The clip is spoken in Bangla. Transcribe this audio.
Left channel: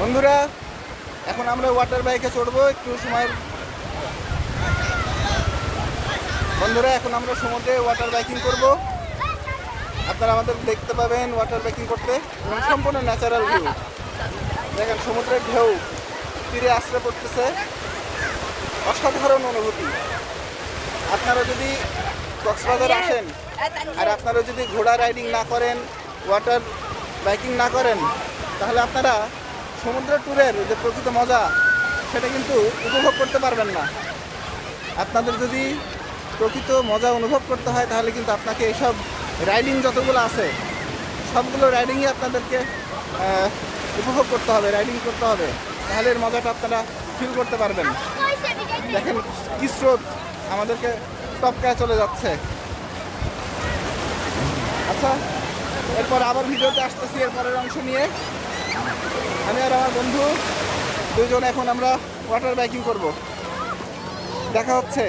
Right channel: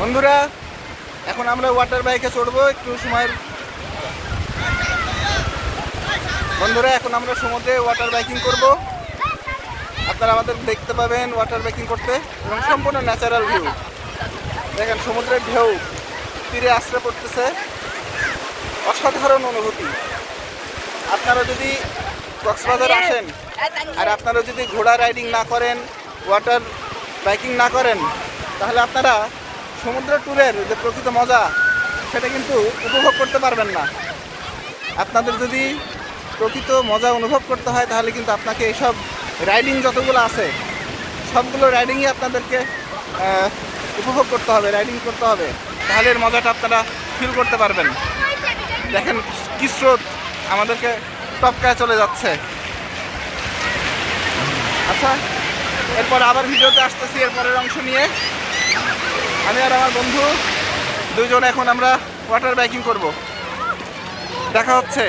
বন্ধুরা, এখন আমরা ওয়াটার বাইকে চড়বো একটু সময়ের। বন্ধুরা, এখন আমরা সমুদ্রে ওয়াটার বাইকিং করব। আপনারা আমাদের দেখতে পাবেন ওয়াটার বাইকিং করতে এবং সম্পূর্ণ ন্যাচারাল ভিউ। দেখেন সমুদ্রের ঢেউ তীরে আশ্রয় পড়তেছে, অসাধারণ অনুভূতি। আপনারা যদি কক্সবাজার আসেন আর আপনারা যদি ঘোড়া রাইডিং না করেন, ওয়াটার বাইকিং না করেন, তাহলে আপনারা সমুদ্র ট্যুরের যে প্রকৃত মজা সেটা কিন্তু উপভোগ করতে পারবেন না। আপনাদের যদি প্রকৃত মজা অনুভব করতে হয় তাহলে কিন্তু আপনাকে এইসব রাইডিং যতগুলো আছে সবগুলো রাইডিংই আপনাদেরকে উপভোগ করতে হবে, রাইডিং করতে হবে, তাহলে এর মজাটা আপনারা ফিল করতে পারবেন। দেখেন কি স্রোত আমাদেরকে টপকায় চলে যাচ্ছে। আচ্ছা, এরপর আবার ভিডিওতে আসতেছি এরপরের অংশ নিয়ে। আমি আর আমার বন্ধু দুইজন এখন আমরা ওয়াটার বাইকিং করব। দেখা হচ্ছে।